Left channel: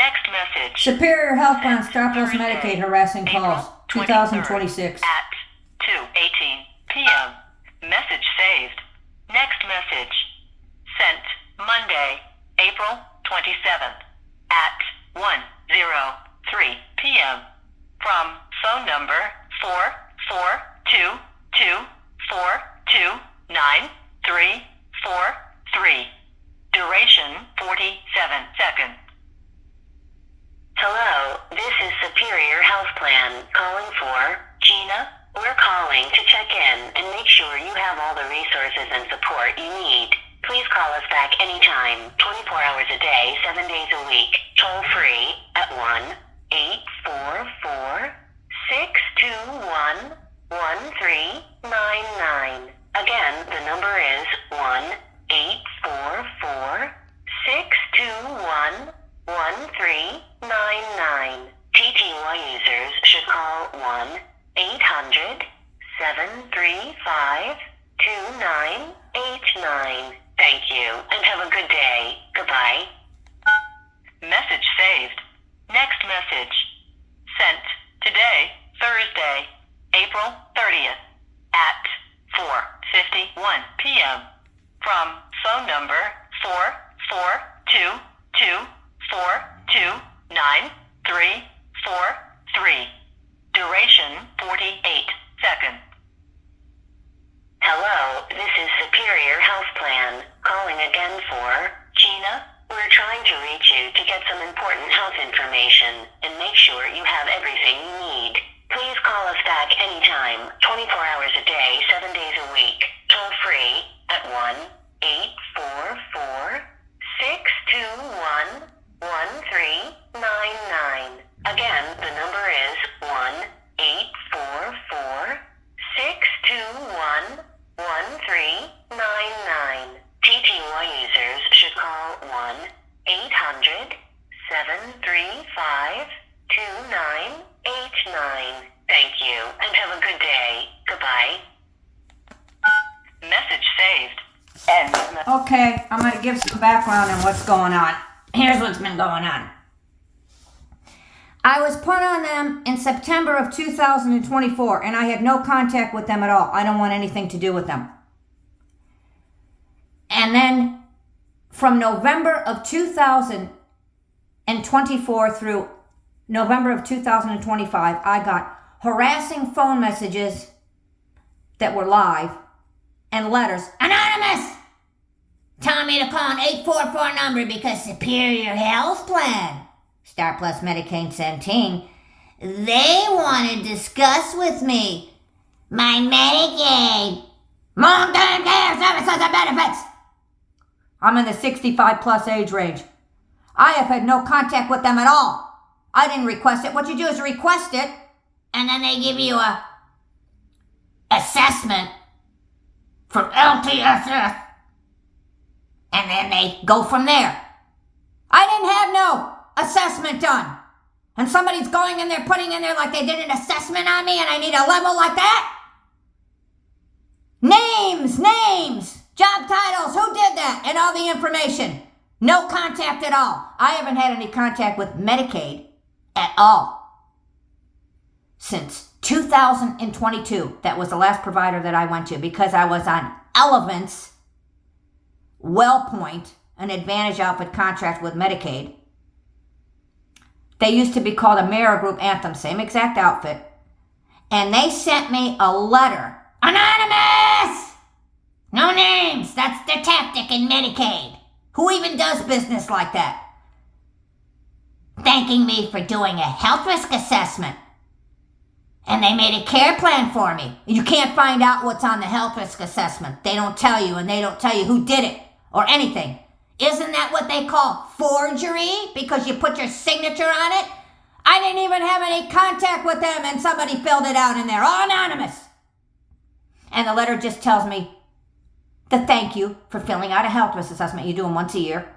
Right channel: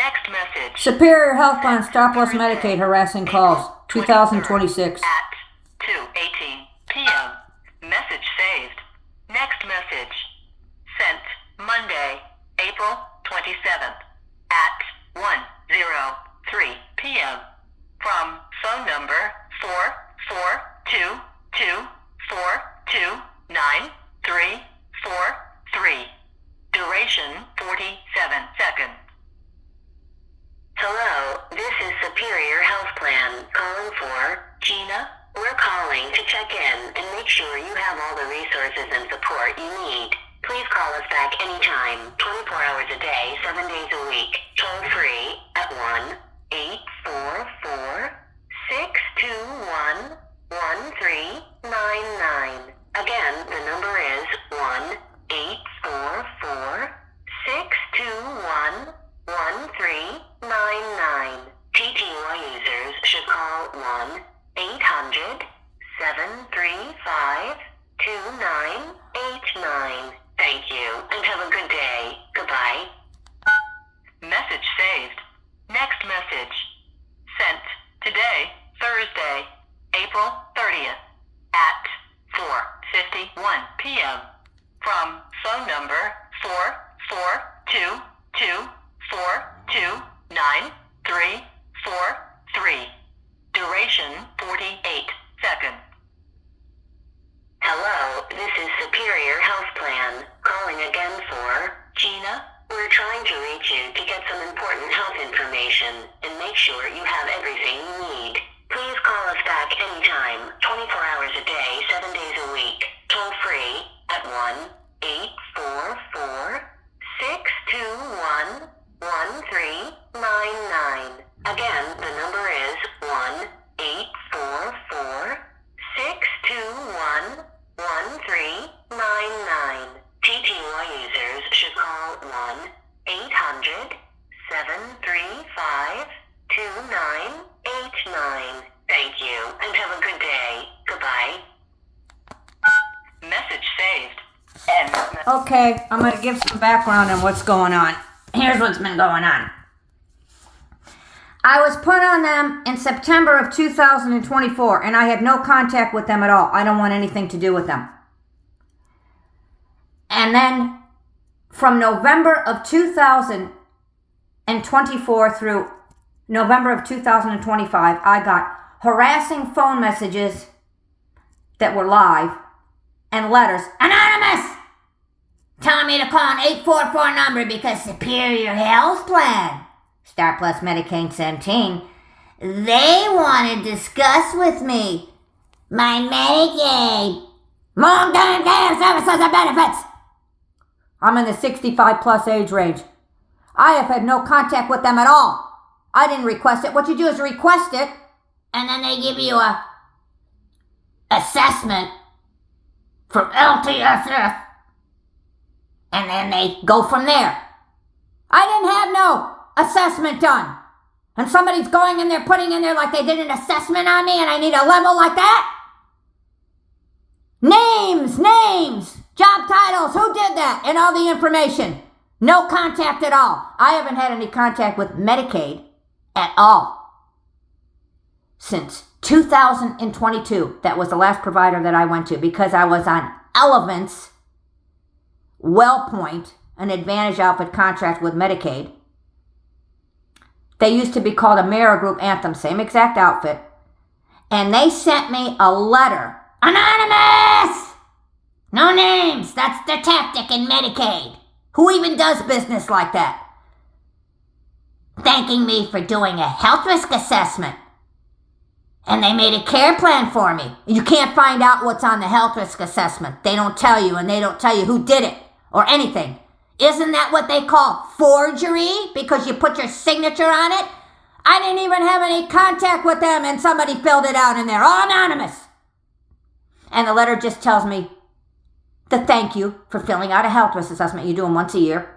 Next message. SuperiorHealthPlan Star+Plus Medicaid harassing calls. 2026. At 2:18 p.m. Message saved. Next message. Sent Monday, April 27th at 1:03 p.m. from phone number 442242943. Duration 47 seconds. Hello, this is Superior Health Plan calling for Gina. We're calling to check in and make sure you have all the resources and support you need. Please call us back anytime, 24 hours a day, 7 days a week, toll free at 1-844-621-1399. Again, the number is 1-844-621-1399. TTY users should call 1-800-735-2989. Thank you, and have a good day. Goodbye. Message saved. Next message. Sent today, Thursday, April 30th at 4:51 p.m. from phone number 442242943. Duration 48 seconds. Hello, this is Superior Health Plan calling again for Gina. We're trying to reach you to get some important health information and make sure you have everything you need. Please call us back anytime, 24 hours a day, 7 days a week, toll free at 1-844-621-1399. Again, the number is 1-844-621-1399. TTY users should call 1-800-735-2989. Thank you, and have a good day. Goodbye. Message saved. End. Okay, I'm going to give some background on what's going on. Here's what's been going on. I was put on them in September of 2024, and I had no contact with them at all. I don't want anything to do with them. And then from November of 2024 through November of 2025, I got harassing phone messages that were live and letters. Anonymous! Telling me to call an 844 number because Superior Health Plan, Star+Plus Medicaid Centene, they want to discuss with me my Medicaid, long-term care services and benefits. I'm in the 65 plus age range. I have had no contact with them at all. I didn't request it. What you do is request it, and then they give you a assessment from LTSS, and then they go from there. I didn't have no assessment done. And somebody's going in there, putting in there like they did an assessment on me, and I need a level like that? Names, job titles, who did that, and all the information. No contact at all. I haven't had any contact with Medicaid at all since 2022. That was the last provider that I went to because I was on Elevance WellPoint, an Advantage outfit contract with Medicaid. They used to be called Amerigroup Anthem, same exact outfit. And they sent me a letter. Anonymous! No names. That's the tactic in Medicaid. Who even does business like that? Thanking me for doing a health risk assessment. And they made a care plan for me. You can't find out what's on the health risk assessment. They don't tell you, and they don't tell you who did it or anything. Isn't that what they call forgery? Because you put your signature on it? I didn't even have any contact with them, and somebody filled it out in there, all anonymous. And the letter just tells me the thank you for filling out a health risk assessment. You do them once a year.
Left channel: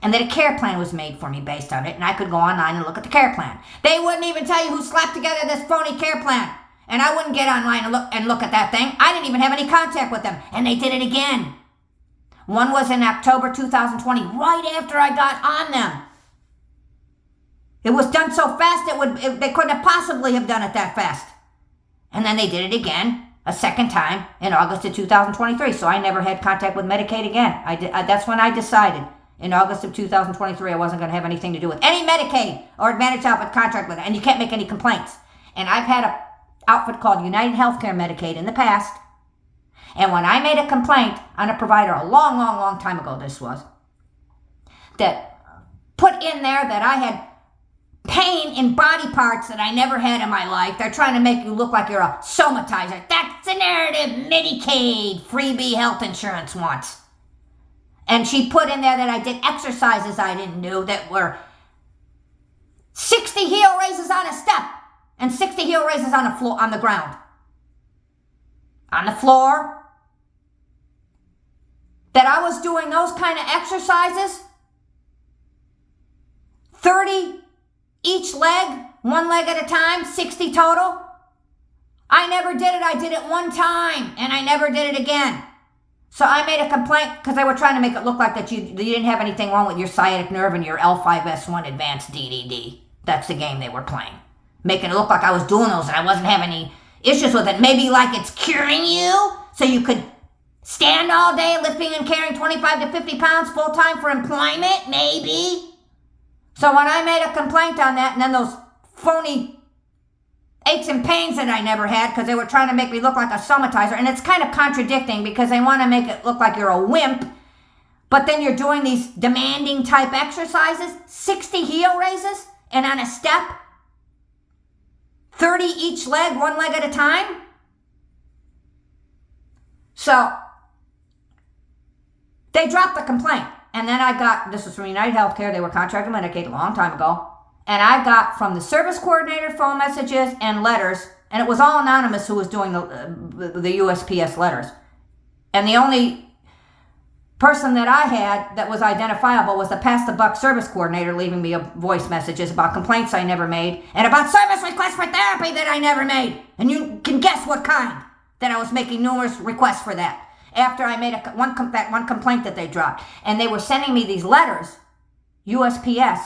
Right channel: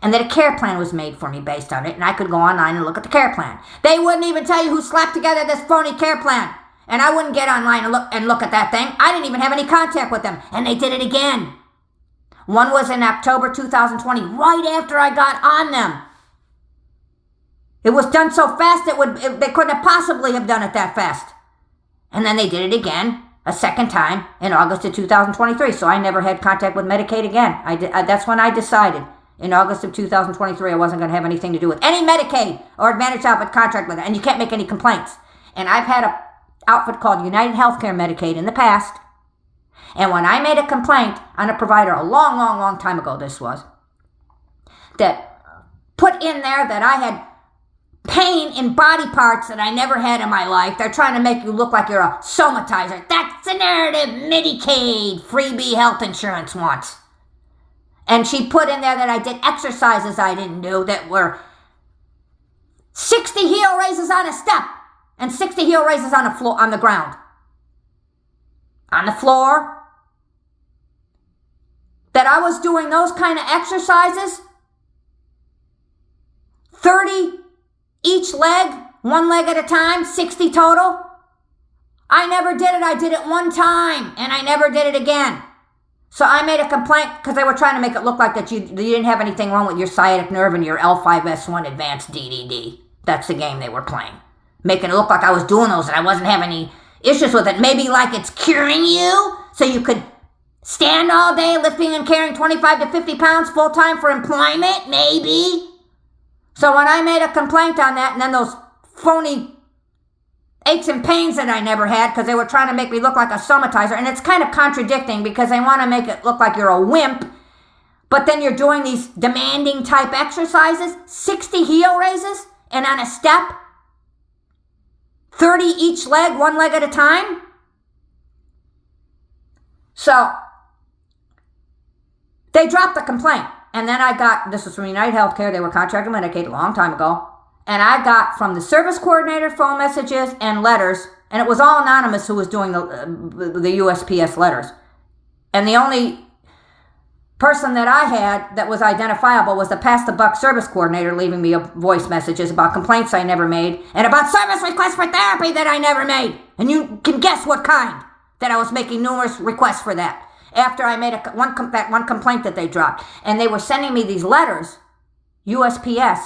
And that a care plan was made for me based on it, and I could go online and look at the care plan. They wouldn't even tell you who slapped together this phony care plan. And I wouldn't get online and look at that thing. I didn't even have any contact with them. And they did it again. One was in October 2020, right after I got on them. It was done so fast they couldn't have possibly have done it that fast. And then they did it again, a second time, in August of 2023. So I never had contact with Medicaid again. That's when I decided, in August of 2023, I wasn't going to have anything to do with any Medicaid or Advantage outfit contract with it. And you can't make any complaints. And I've had an outfit called United Healthcare Medicaid in the past. And when I made a complaint on a provider a long, long, long time ago, this was, that put in there that I had pain in body parts that I never had in my life. They're trying to make you look like you're a somatizer. That's the narrative Medicaid freebie health insurance wants. And she put in there that I did exercises I didn't do that were 60 heel raises on a step and 60 heel raises on the ground. On the floor. That I was doing those kind of exercises. 30 each leg, one leg at a time, 60 total. I never did it. I did it one time, and I never did it again. So I made a complaint because they were trying to make it look like that you didn't have anything wrong with your sciatic nerve and your L5S1 advanced did. That's the game they were playing. Making it look like I was doing those and I wasn't having any issues with it. Maybe like it's curing you so you could stand all day lifting and carrying 25 to 50 pounds full-time for employment, maybe. So when I made a complaint on that, and then those phony aches and pains that I never had because they were trying to make me look like a somatizer, and it's kind of contradicting because they want to make it look like you're a wimp, but then you're doing these demanding type exercises, 60 heel raises, and on a step, 30 each leg, one leg at a time. So they dropped the complaint. And then this was from United Healthcare, they were contracted with Medicaid a long time ago, and I got from the service coordinator phone messages and letters, and it was all anonymous who was doing the USPS letters. And the only person that I had that was identifiable was the Pass the Buck service coordinator leaving me voice messages about complaints I never made, and about service requests for therapy that I never made. And you can guess what kind, that I was making numerous requests for that. After I made one complaint that they dropped. And they were sending me these letters, USPS,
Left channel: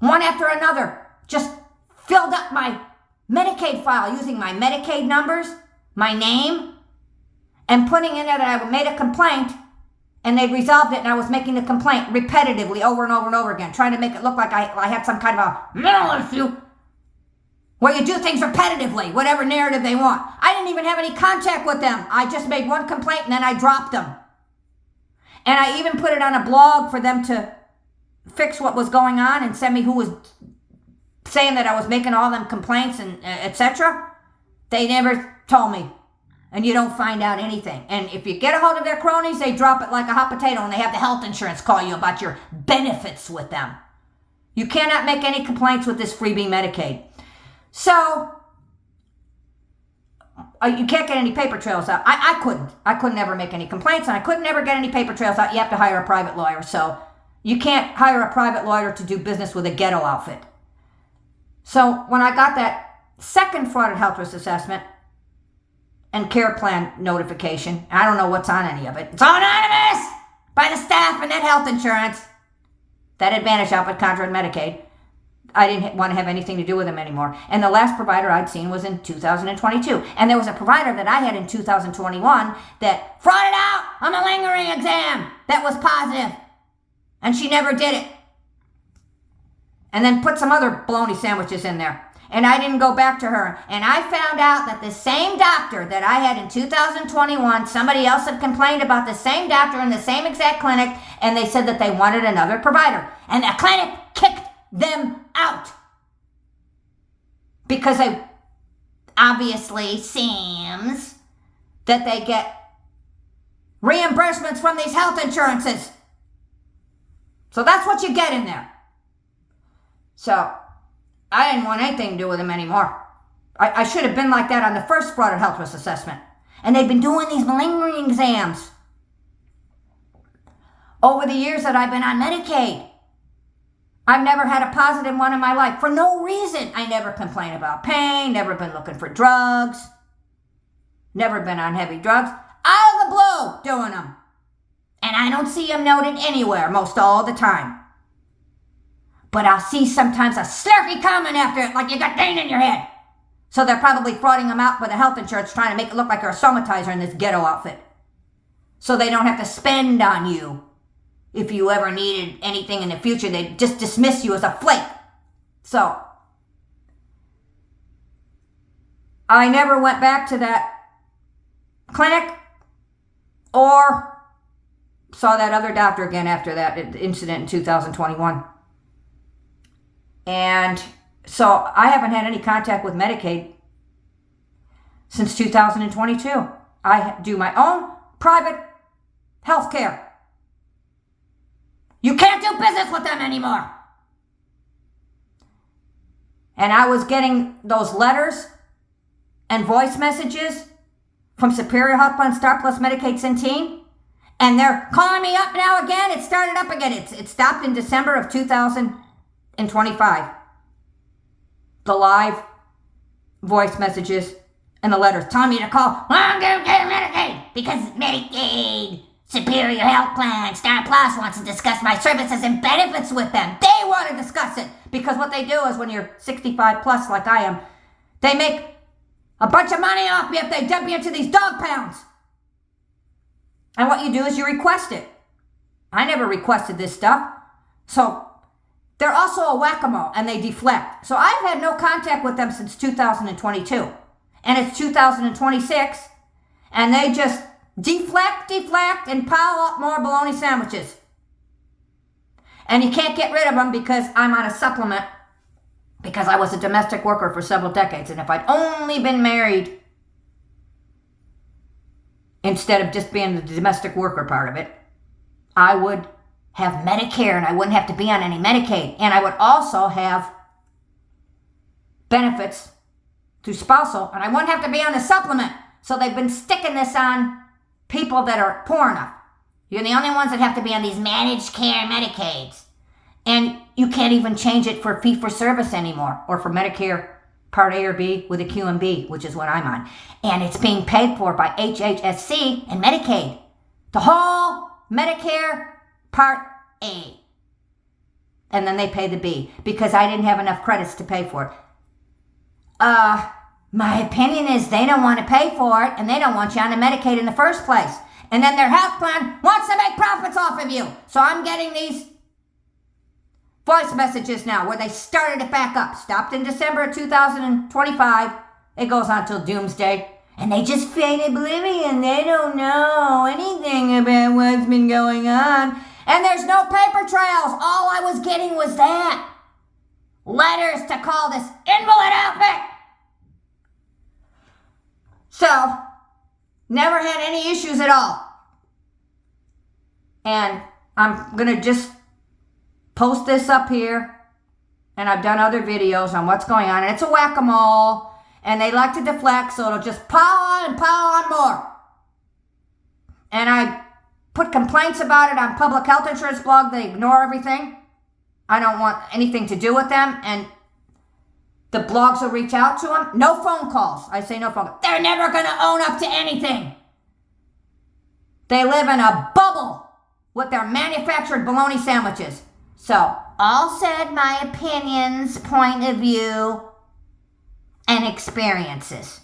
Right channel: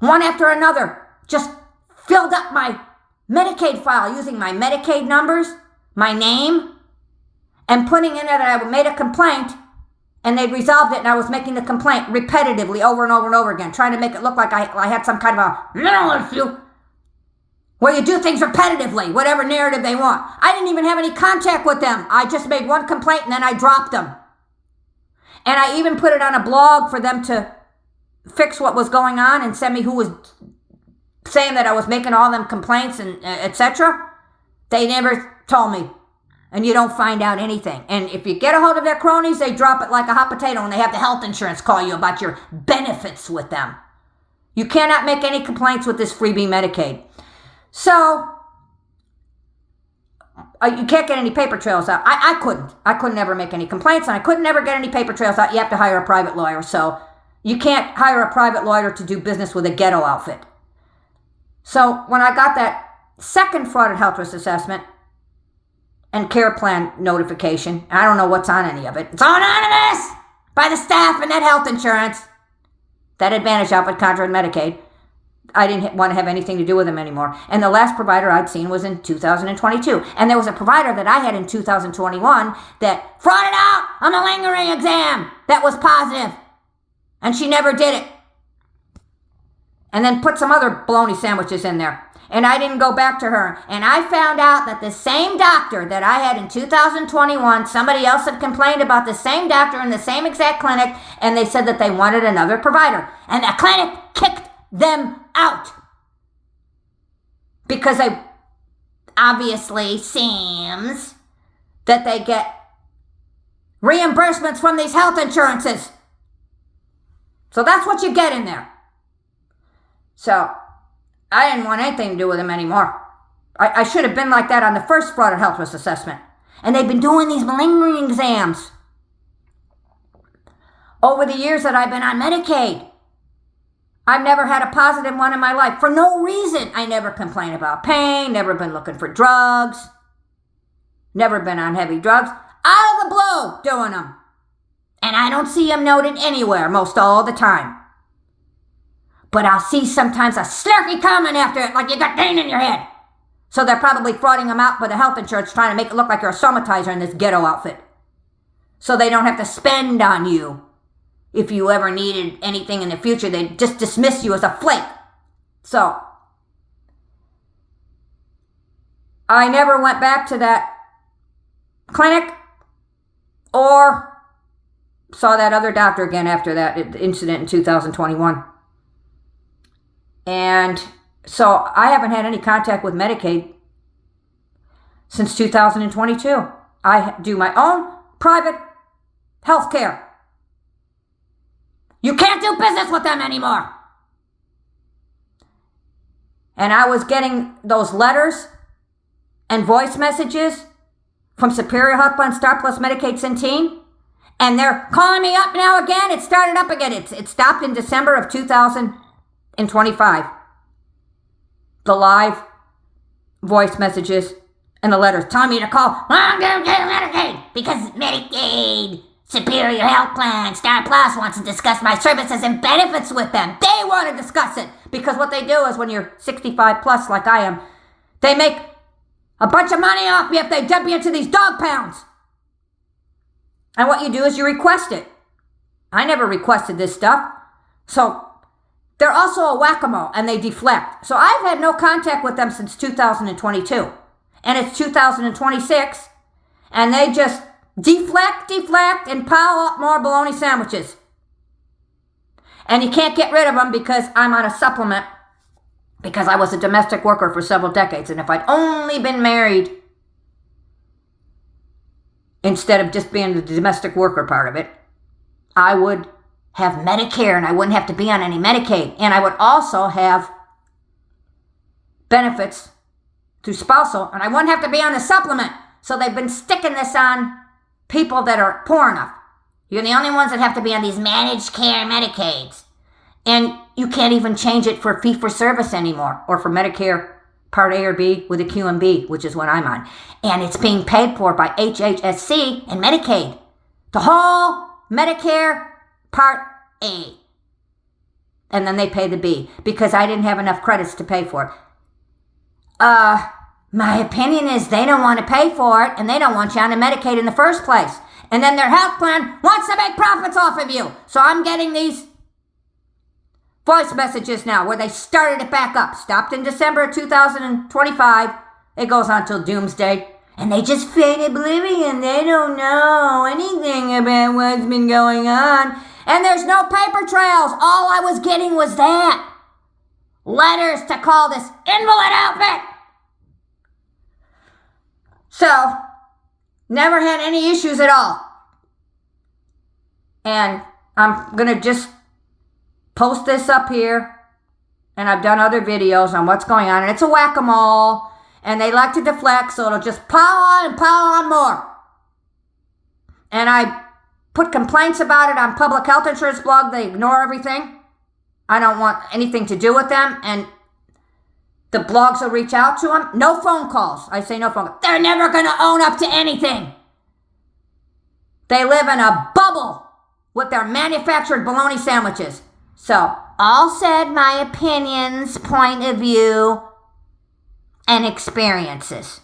one after another, just filled up my Medicaid file using my Medicaid numbers, my name, and putting in there that I made a complaint, and they resolved it, and I was making the complaint repetitively over and over and over again, trying to make it look like I had some kind of a mental issue, where you do things repetitively, whatever narrative they want. I didn't even have any contact with them. I just made one complaint and then I dropped them. And I even put it on a blog for them to fix what was going on and send me who was saying that I was making all them complaints and etc. They never told me. And you don't find out anything. And if you get a hold of their cronies, they drop it like a hot potato and they have the health insurance call you about your benefits with them. You cannot make any complaints with this freebie Medicaid. So, you can't get any paper trails out. I couldn't ever make any complaints, and I couldn't ever get any paper trails out. You have to hire a private lawyer. So, you can't hire a private lawyer to do business with a ghetto outfit. So, when I got that second frauded health risk assessment and care plan notification, I don't know what's on any of it. It's all anonymous by the staff and that health insurance, that Advantage outfit contract Medicaid. I didn't want to have anything to do with them anymore. And the last provider I'd seen was in 2022. And there was a provider that I had in 2021 that frauded out a malingering exam that was positive. And she never did it. And then put some other bologna sandwiches in there. And I didn't go back to her. And I found out that the same doctor that I had in 2021, somebody else had complained about the same doctor in the same exact clinic, and they said that they wanted another provider. And the clinic kicked them out. Because it obviously seems that they get reimbursements from these health insurances. So that's what you get in there. So I didn't want anything to do with them anymore. I should have been like that on the first frauded health risk assessment. And they've been doing these malingering exams over the years that I've been on Medicaid. I've never had a positive one in my life for no reason. I never complained about pain, never been looking for drugs, never been on heavy drugs. Out of the blue, doing them. And I don't see them noted anywhere most all the time. But I'll see sometimes a snarky comment after it, like you got pain in your head. So they're probably frauding them out with the health insurance, trying to make it look like you're a somatizer in this ghetto outfit. So they don't have to spend on you. If you ever needed anything in the future, they just dismiss you as a flake. So, I never went back to that clinic or saw that other doctor again after that incident in 2021. And so I haven't had any contact with Medicaid since 2022. I do my own private health care. You can't do business with them anymore. And I was getting those letters and voice messages from SuperiorHealthPlan Star+Plus Medicaid Centene. And they're calling me up now again. It started up again. It stopped in December of 2025. The live voice messages and the letters telling me to call Medicaid because Medicaid Superior Health Plan Star+Plus wants to discuss my services and benefits with them. They want to discuss it because what they do is when you're 65 plus like I am, they make a bunch of money off you if they dump you into these dog pounds. And what you do is you request it. I never requested this stuff. So they're also a whack-a-mole and they deflect. So I've had no contact with them since 2022. And it's 2026 and they just deflect, and pile up more bologna sandwiches. And you can't get rid of them because I'm on a supplement because I was a domestic worker for several decades. And if I'd only been married instead of just being the domestic worker part of it, I would have Medicare and I wouldn't have to be on any Medicaid. And I would also have benefits through spousal and I wouldn't have to be on the supplement. So they've been sticking this on people that are poor enough. You're the only ones that have to be on these managed care Medicaids. And you can't even change it for fee-for-service anymore or for Medicare Part A or B with a QMB, which is what I'm on. And it's being paid for by HHSC and Medicaid. The whole Medicare Part A. And then they pay the B because I didn't have enough credits to pay for it. My opinion is they don't want to pay for it and they don't want you on the Medicaid in the first place. And then their health plan wants to make profits off of you. So I'm getting these voice messages now where they started it back up. Stopped in December 2025. It goes on till doomsday. And they just feign oblivion. They don't know anything about what's been going on. And there's no paper trails. All I was getting was that. Letters to call this invalid outfit. So, never had any issues at all. And I'm going to just post this up here. And I've done other videos on what's going on. And it's a whack-a-mole. And they like to deflect, so it'll just pile on more. And I put complaints about it on Public Health Insurance blog. They ignore everything. I don't want anything to do with them. And the blogs will reach out to them. No phone calls. I say no phone calls. They're never going to own up to anything. They live in a bubble with their manufactured bologna sandwiches. So, all said my opinions, point of view, and experiences.